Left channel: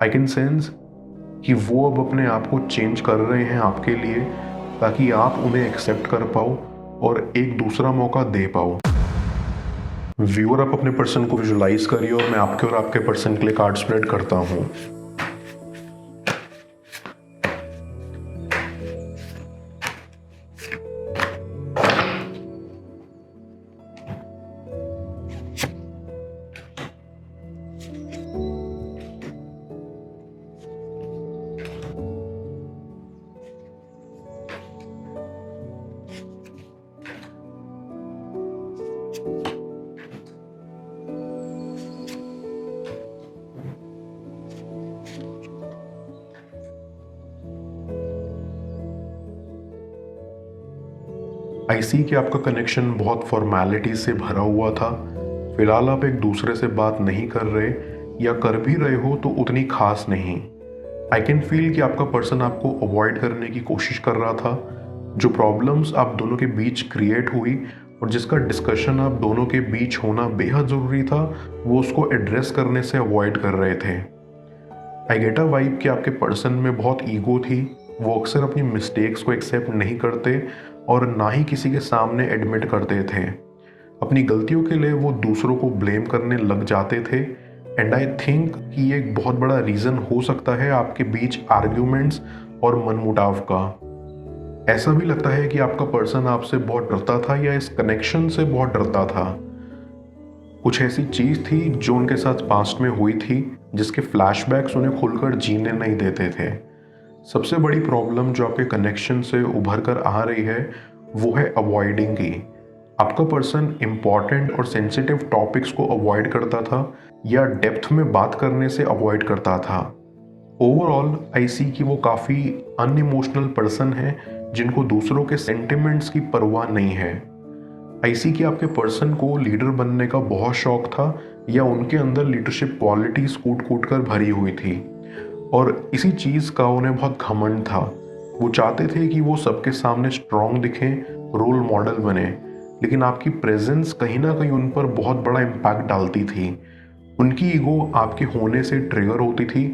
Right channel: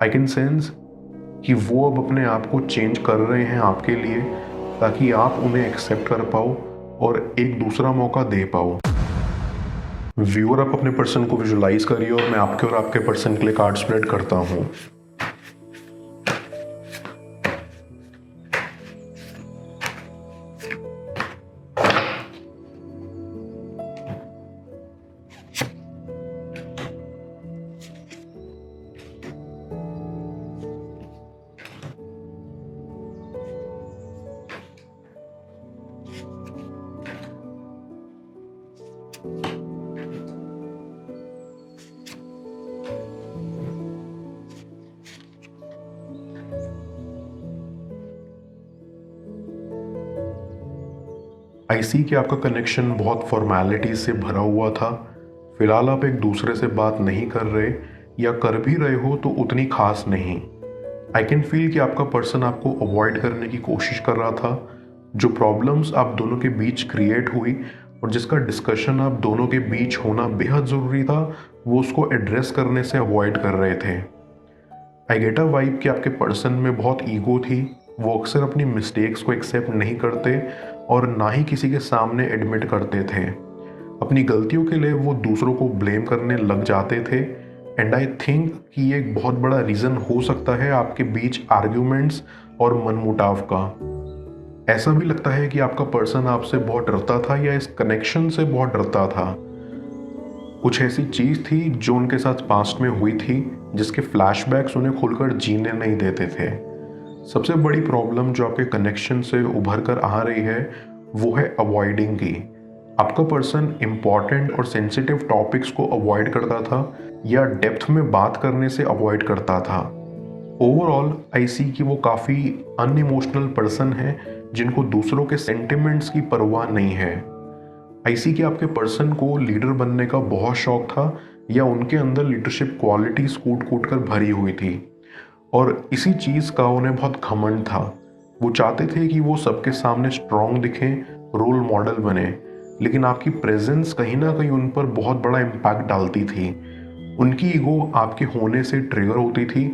I can sense कि वो अब अपने आप को चेंज कर रहे हैं आपके लिए, ताकि आप उन्हें एक्सेप्ट कर पाओ और एक दूसरा मौका दे पाओ। व्यूअर, आप अपने पर्सन को विजुलाइज करिए और मैं आपके और आपके पर्सन के लिए कार्ड स्प्रेड करता हूँ। आई सी कि आपका कनेक्शन बहुत फॉर्मेलिटी से भरा हुआ था। फिलहाल आप एक दूसरे से बात नहीं कर रहे, या कर भी रहे हो तो उतनी खास नहीं। आई कैन फील कि आपका पर्सन आपको अवॉइड करने की कोशिश कर रहा था। जो प्रॉब्लम्स आप दोनों के बीच क्रिएट हुई और जिसका डिस्कशन आप दोनों के बीच होना बेहद ज़रूरी था, वो उसको एड्रेस करने से अवॉइड कर रहे थे। आई गेट अ वाइब कि आपके पर्सन में बहुत ईगो थी। वो अक्सर अपनी मिस्टेक्स को एक्सेप्ट नहीं करते और ना ही किसी के सामने एडमिट करते थे। अपनी गलतियों के लिए वो दूसरों को ब्लेम करने लग जाते थे। एंड आई थिंक कि ये एक बहुत बड़ा रीज़न हो सकता है आपके बीच आर्ग्यूमेंट्स और मनमुटाव का। ऐसा भी लगता है कि आपका पर्सन आपसे बहुत डरता था या इस कनेक्शन से बहुत डरता था। कुछ ऐसी चीज़ थी जो उनके साथ पास्ट में हुई थी, जिसके फ्लैशबैक्स उन्हें खुलकर जीने नहीं देते थे। सबसे बड़ी प्रॉब्लम जो आपके कनेक्शन से उभर कर आ रही है वो है अवॉइडिंग की। आपका पर्सन इंपॉर्टेंट और सेंसिटिव टॉपिक्स को अवॉइड करता था या डेप्थ में बात करने से अवॉइड करता था। ओवरऑल आई सी कि वो काफ़ी अनइमोशनल पर्सन है जिनको दूसरों के सेंटिमेंट्स की परवाह नहीं है। आई सी कि आपके पर्सन को लीडर बनने का बहुत शौक था या उनके अंदर लीडरशिप क्वालिटीज कूट कूट कर भरी हुई थी और इसी चीज़ का उन्हें बहुत घमंड था। वो चाहते थे कि वो सबके सामने स्ट्रॉन्ग दिखें, रोल मॉडल बने, लेकिन आपकी प्रेजेंस कहीं ना कहीं उन पर बहुत बड़ा इम्पैक्ट डालती थी। उनकी ईगो आपके होने से ट्रिगर होती थी,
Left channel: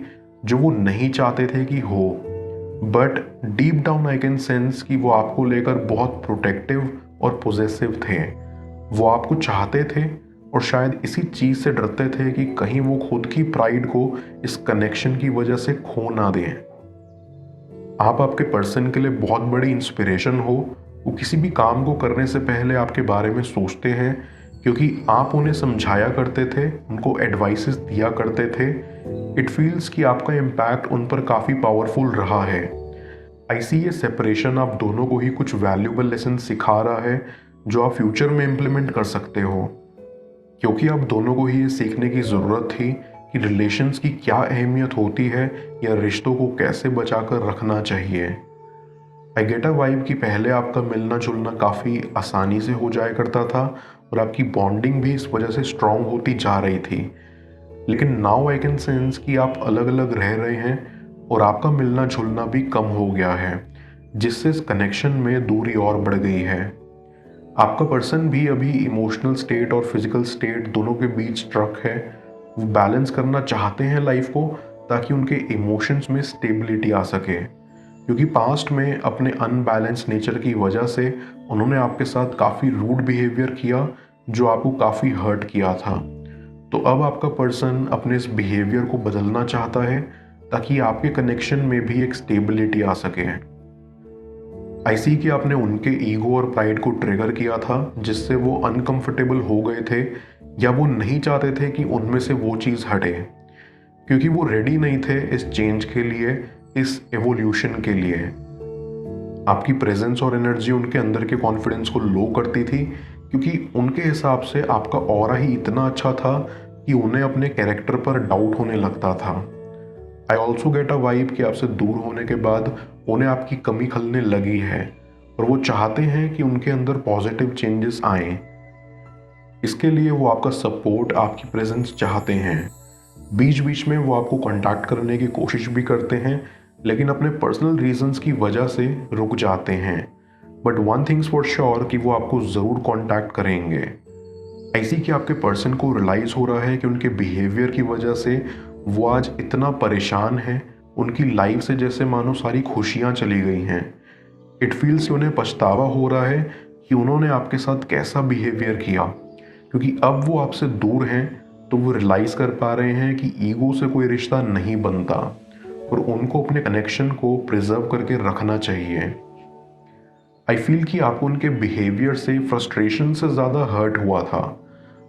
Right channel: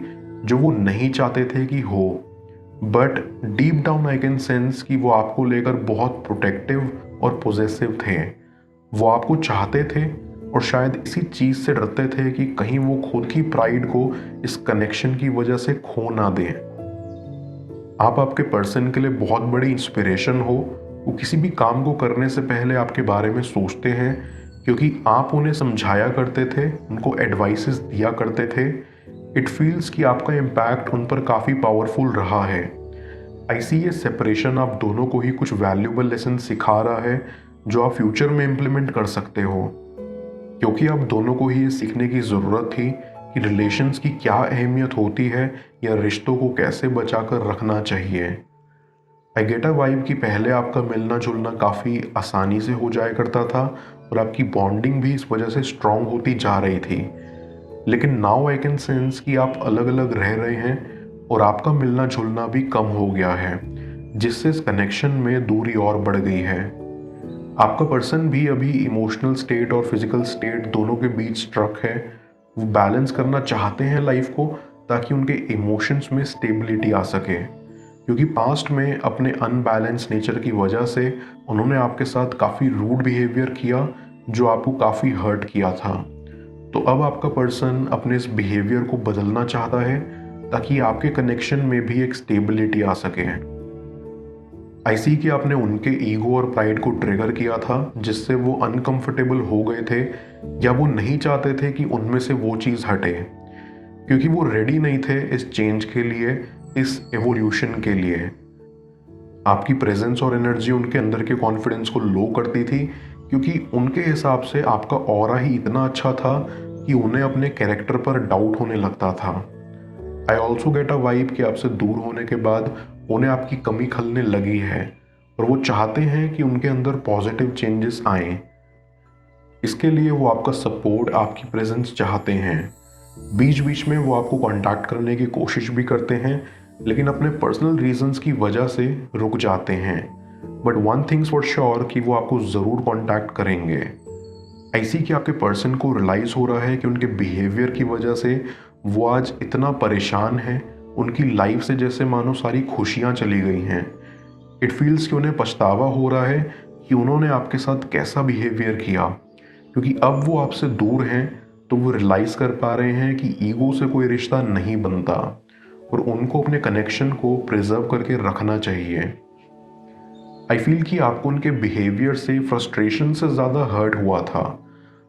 जो वो नहीं चाहते थे कि हो। But deep down I can sense कि वो आपको लेकर बहुत प्रोटेक्टिव और पॉजिटिव थे। वो आपको चाहते थे और शायद इसी चीज़ से डरते थे कि कहीं वो खुद की प्राइड को इस कनेक्शन की वजह से खो ना दें। आप आपके पर्सन के लिए बहुत बड़ी इंस्पिरेशन हो। वो किसी भी काम को करने से पहले आपके बारे में सोचते हैं, क्योंकि आप उन्हें समझाया करते थे, उनको एडवाइसेस दिया करते थे। इट फील्स कि आपका इम्पैक्ट उन पर काफ़ी पावरफुल रहा है। आई सी ये सेपरेशन आप दोनों को ही कुछ वैल्यूबल लेसन सिखा रहा है जो आप फ्यूचर में इम्प्लीमेंट कर सकते हो, क्योंकि आप दोनों को ही ये सीखने की ज़रूरत थी कि रिलेशंस की क्या अहमियत होती है या रिश्तों को कैसे बचाकर रखना चाहिए। आई गेट अ वाइब कि पहले आपका मिलना जुलना काफ़ी आसानी से हो जाया करता था और आपकी बॉन्डिंग भी इस वजह से स्ट्रांग होती जा रही थी। लेकिन नाउ आई कैन सेंस कि आप अलग अलग रह रहे हैं और आपका मिलना जुलना भी कम हो गया है, जिससे इस कनेक्शन में दूरी और बढ़ गई है। आपका पर्सन भी अभी इमोशनल स्टेट और फिजिकल स्टेट दोनों के बीच स्ट्रक है। वो बैलेंस करना चाहते हैं लाइफ को, ताकि उनके इमोशंस में स्टेबिलिटी आ सके, क्योंकि पास्ट में अपने अनबैलेंस नेचर की वजह से उन्होंने आपके साथ काफ़ी रूड बिहेवियर किया जो आपको काफ़ी हर्ट किया था। तो अब आपका पर्सन अपने इस बिहेवियर को बदलना चाहता है ताकि आपके कनेक्शन में भी एक स्टेबिलिटी आ सके। आई सी कि आपने उनके ईगो और प्राइड को ट्रिगर किया था, जिससे वो अनकंफर्टेबल हो गए थे या वो नहीं चाहते थे कि उनमें से वो चीज़ हटे, क्योंकि वो रेडी नहीं थे इस चेंज के लिए, इस एवोल्यूशन के लिए। आपकी प्रेजेंस और एनर्जी उनके अंदर के कॉन्फिडेंस को लो करती थी, क्योंकि उनके हिसाब से आपका ऑरा ही इतना अच्छा था कि उन्हें अपने कैरेक्टर पर डाउट होने लगता था। I also get a vibe कि आपसे दूर होने के बाद उन्हें आपकी कमी खलने लगी है और वो चाहते हैं कि उनके अंदर पॉजिटिव चेंजेस आए। इसके लिए वो आपका सपोर्ट, आपकी प्रेजेंस चाहते हैं। बीच बीच में वो आपको कांटेक्ट करने की कोशिश भी करते हैं, लेकिन अपने पर्सनल रीजंस की वजह से रुक जाते हैं। But one things for sure कि वो आपको ज़रूर कांटेक्ट करेंगे। ऐसी कि आपके पर्सन को रियलाइज हो रहा है कि उनके बिहेवियर की वजह से वो आज इतना परेशान है, उनकी लाइफ से जैसे मानो सारी खुशियां चली गई हैं। इट फील्स कि उन्हें पछतावा हो रहा है कि उन्होंने आपके साथ कैसा बिहेवियर किया, क्योंकि अब वो आपसे दूर हैं तो वो रियलाइज कर पा रहे हैं कि ईगो से कोई रिश्ता नहीं बनता और उनको अपने कनेक्शन को प्रिजर्व करके रखना चाहिए। आई फील कि आपको उनके बिहेवियर से फ्रस्ट्रेशन से ज़्यादा हर्ट हुआ था।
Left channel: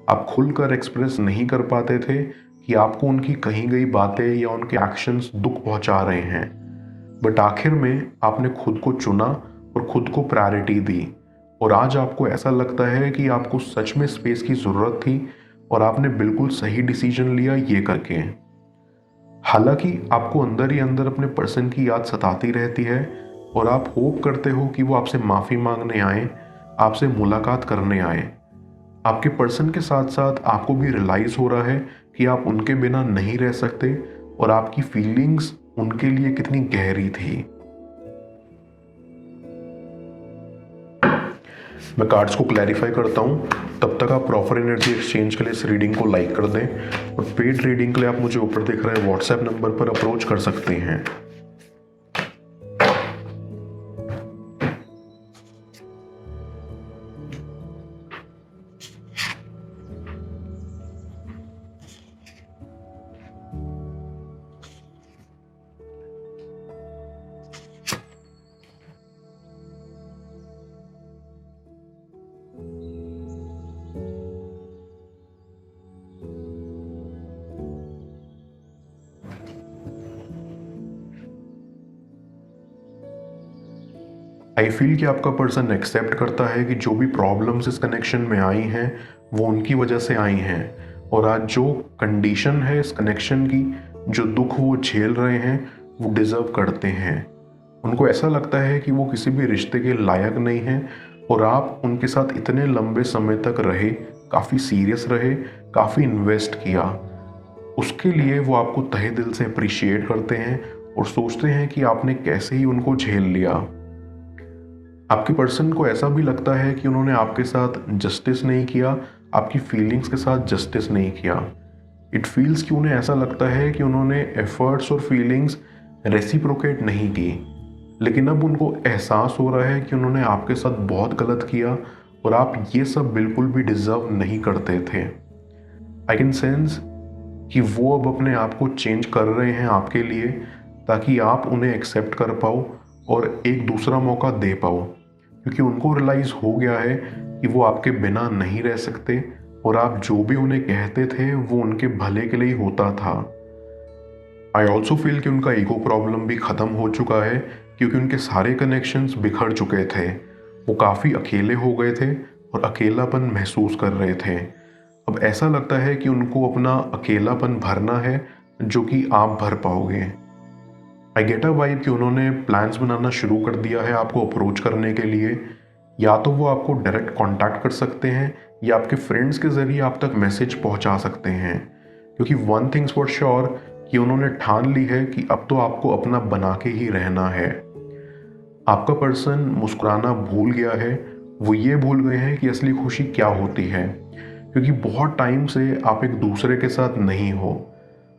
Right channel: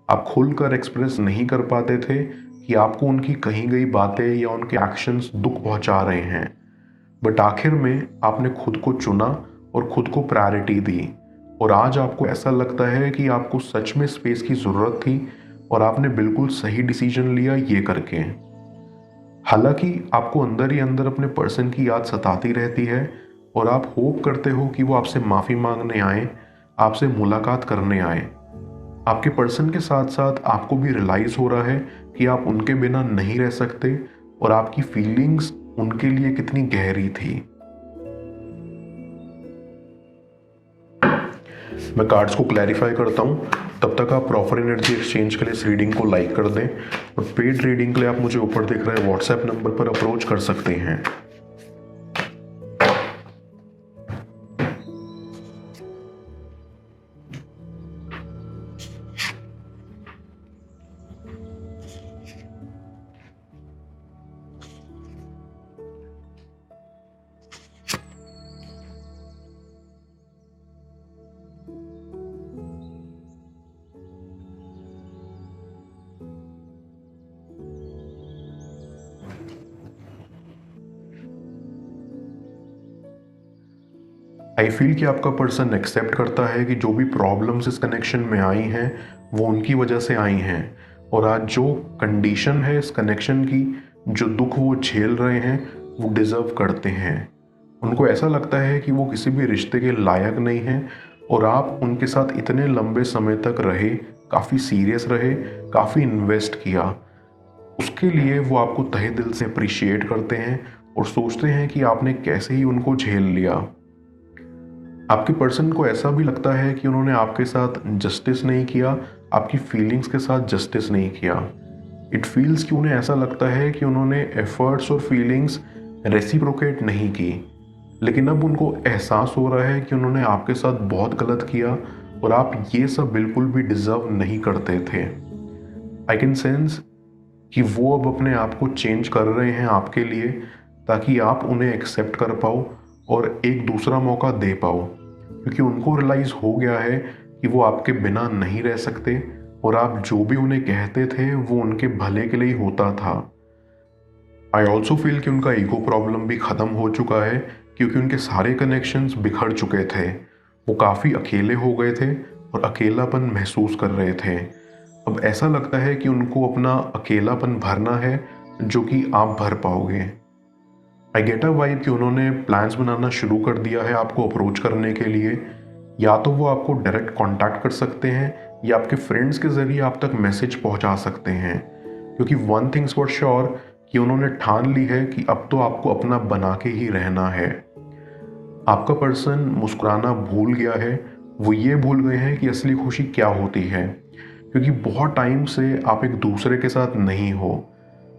आप खुलकर एक्सप्रेस नहीं कर पाते थे कि आपको उनकी कही गई बातें या उनके एक्शंस दुख पहुंचा रहे हैं, बट आखिर में आपने खुद को चुना और खुद को प्रायोरिटी दी और आज आपको ऐसा लगता है कि आपको सच में स्पेस की ज़रूरत थी और आपने बिल्कुल सही डिसीजन लिया ये करके। हालांकि आपको अंदर ही अंदर अपने पर्सन की याद सताती रहती है और आप होप करते हो कि वो आपसे माफ़ी मांगने आए, आपसे मुलाकात करने आए। आपके पर्सन के साथ साथ आपको भी रियलाइज हो रहा है कि आप उनके बिना नहीं रह सकते और आपकी फीलिंग्स उनके लिए कितनी गहरी थी। मैं कार्ड्स को क्लैरिफाई करता हूँ, तब तक आप प्रॉपर एनर्जी एक्सचेंज के लिए इस रीडिंग को लाइक कर दें और पेड रीडिंग के लिए आप मुझे ऊपर दिख रहे व्हाट्सएप नंबर पर अप्रोच कर सकते हैं। आई फील कि आपका पर्सन एक्सेप्ट करता है कि जो भी प्रॉब्लम्स इस कनेक्शन में आई हैं वो उनकी वजह से आई हैं और आज जो कंडीशन है इस कनेक्शन की, जो दुख वो झेल रहे हैं वो डिजर्व करते हैं। उनको ऐसा लगता है कि वो किसी भी रिश्ते के लायक नहीं हैं और आप उनके साथ इतने लंबे समय तक रहे, काफ़ी सीरियस रहे, काफ़ी इन्वेस्ट किया, उसके लिए वो आपको तहे दिल से अप्रिशिएट करते हैं और सोचते हैं कि आपने कैसे ही उनको झेल लिया। आपके पर्सन को ऐसा भी लगता है कि उन्होंने आपके साथ जस्टिस नहीं किया, आपकी फीलिंग्स के साथ जस्टिस नहीं किया। इट फील्स कि उन्हें ऐसा लगता है कि उन्होंने एफर्ट्स और फीलिंग्स रेसिप्रोकेट नहीं की, लेकिन अब उनको एहसास हो रहा है कि उन्होंने आपके साथ बहुत गलत किया और आप ये सब बिल्कुल भी डिजर्व नहीं करते थे। आई कैन सेंस कि वो अब अपने आप को चेंज कर रहे हैं आपके लिए, ताकि आप उन्हें एक्सेप्ट कर पाओ और एक दूसरा मौका दे पाओ, क्योंकि उनको रियलाइज हो गया है कि वो आपके बिना नहीं रह सकते और आप जो भी उन्हें कहते थे वो उनके भले के लिए होता था। आई ऑल्सो फील कि उनका ईगो प्रॉब्लम भी खत्म हो चुका है, क्योंकि उनके सारे कनेक्शंस बिखर चुके थे। वो काफ़ी अकेले हो गए थे और अकेलापन महसूस कर रहे थे। अब ऐसा लगता है कि उनको अपना अकेलापन भरना है, जो कि आप भर पाओगे। आई गेट अ वाइब कि उन्होंने प्लान्स बनाना शुरू कर दिया है आपको अप्रोच करने के लिए। या तो वो आपको डायरेक्ट कांटेक्ट कर सकते हैं या आपके फ्रेंड्स के जरिए आप तक मैसेज पहुंचा सकते हैं, क्योंकि वन थिंग्स फॉर श्योर कि उन्होंने ठान ली है कि अब तो आपको अपना बना के ही रहना है। आपका पर्सन मुस्कुराना भूल गया है, वो ये भूल गए हैं कि असली खुशी क्या होती है, क्योंकि बहुत टाइम से आप एक दूसरे के साथ नहीं हो।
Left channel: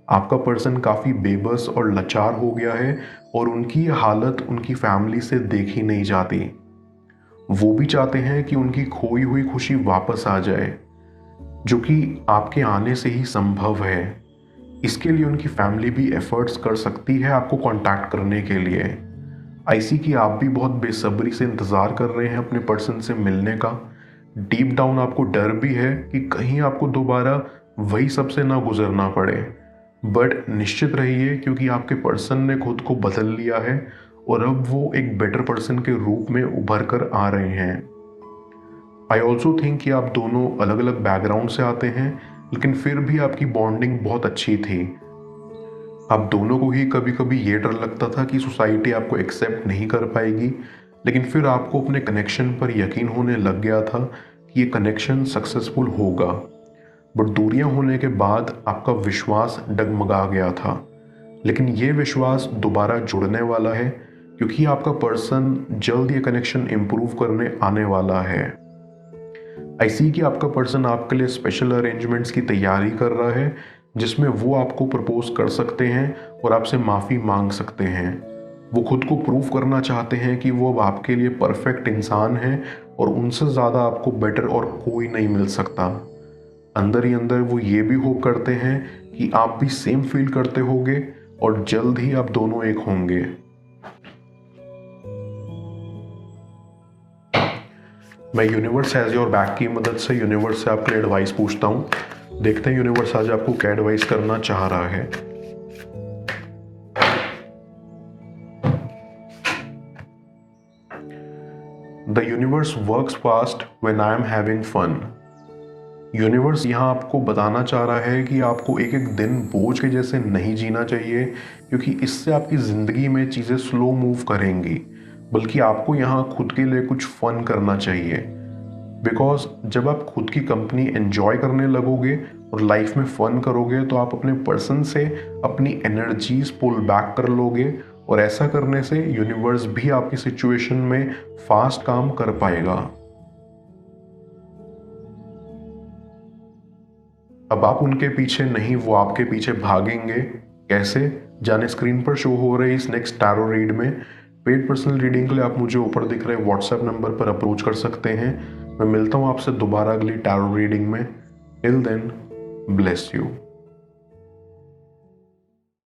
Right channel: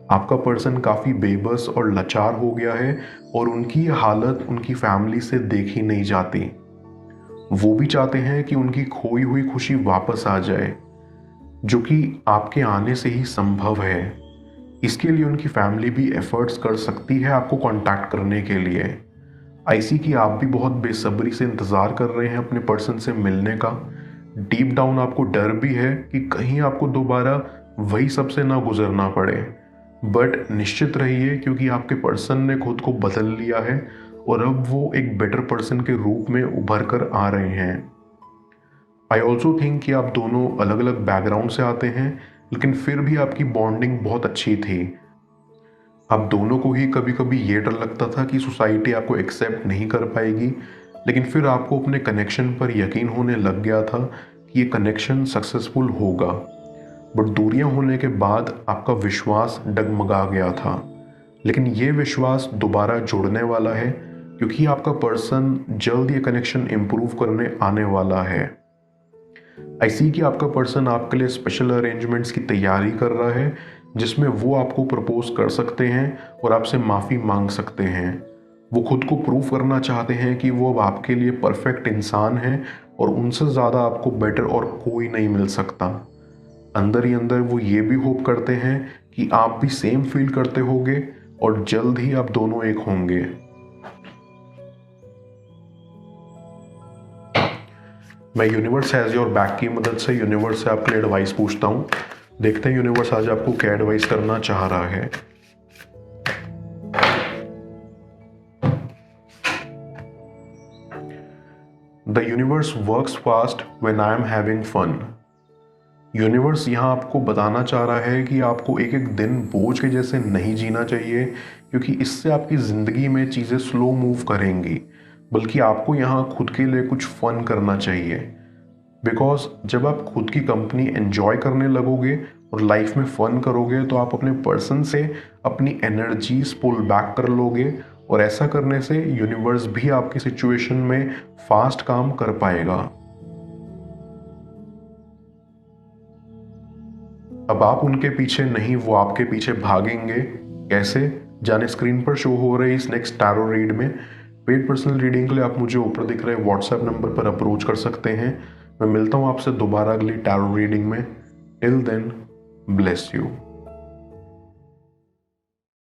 आपका पर्सन काफ़ी बेबस और लाचार हो गया है और उनकी ये हालत उनकी फैमिली से देखी नहीं जाती। वो भी चाहते हैं कि उनकी खोई हुई खुशी वापस आ जाए, जो कि आपके आने से ही संभव है। इसके लिए उनकी फैमिली भी एफर्ट्स कर सकती है आपको कांटेक्ट करने के लिए। आई सी कि आप भी बहुत बेसब्री से इंतज़ार कर रहे हैं अपने पर्सन से मिलने का। डीप डाउन आपको डर भी है कि कहीं आपको दोबारा वही सबसे ना गुजरना पड़े, बट निश्चित रहिए क्योंकि आपके पर्सन ने खुद को बदल लिया है और अब वो एक बेटर पर्सन के रूप में उभर कर आ रहे हैं। आई ऑल्सो थिंक कि आप दोनों अलग अलग बैकग्राउंड से आते हैं, लेकिन फिर भी आपकी बॉन्डिंग बहुत अच्छी थी। आप दोनों को ही कभी कभी ये डर लगता था कि सोसाइटी आपको एक्सेप्ट नहीं कर पाएगी, लेकिन फिर आपको अपने कनेक्शन पर यकीन होने लग गया था कि ये कनेक्शन सक्सेसफुल होगा। बट दूरियां होने के बाद आपका विश्वास डगमगा गया था, लेकिन ये विश्वास दोबारा जुड़ने वाला है, क्योंकि आपका पर्सन जल्द ये कनेक्शन इंप्रूव करने आने वाला है। आई सी कि आपका पर्सन आपके लिए स्पेशल अरेंजमेंट्स की तैयारी कर रहा है, जिसमें वो आपको प्रपोज कर सकते हैं और आपसे माफ़ी मांग सकते हैं। वो खुद को प्रूव करना चाहते हैं कि वो अब आपके लिए परफेक्ट इंसान है और उनसे ज़्यादा आपको बेटर और कोई नहीं मिल सकता। अंदर ही अंदर वो ये भी होप करते हैं कि आप भी सेम फील करते होगे और जल्द ही आप दोनों एक होंगे। मैं यूनिवर्स एज योर बैक की मदद से यूनिवर्स से आपके एडवाइस पूछता हूँ। देखते हैं यूनिवर्स आज आपको क्या एडवाइस करना चाह रहा है। The universe works fast when I am having fun. Universe यहाँ आपको बताना चाह रहा है कि आपको एक एक दिन बोझ के जैसे नहीं जीना चाहिए, क्योंकि इससे आपकी ज़िंदगी में चीज़ें स्लो मूव करेंगी, बल्कि आपको यहाँ खुद के लिए कुछ फन करना चाहिए। बिकॉज जब आप खुद की कंपनी एंजॉय करने लगोगे और लाइफ में फन करोगे तो आप अपने पर्सन से अपनी एनर्जीज पुल बैक कर लोगे, और ऐसा करने से यूनिवर्स भी आपकी सिचुएशन में फास्ट काम कर पाएगा। अब आप उनके पीछे नहीं, वो आपके पीछे भागेंगे। कैसे, जाने स्क्रीन पर शो हो रहे हैं इस नेक्स्ट टैरो रीड में। पेड पर्सनल रीडिंग के लिए आप मुझे ऊपर दिख रहे व्हाट्सएप नंबर पर अप्रोच कर सकते हैं। मैं मिलता हूं आपसे दोबारा अगली टैरो रीडिंग में। Till then, bless you.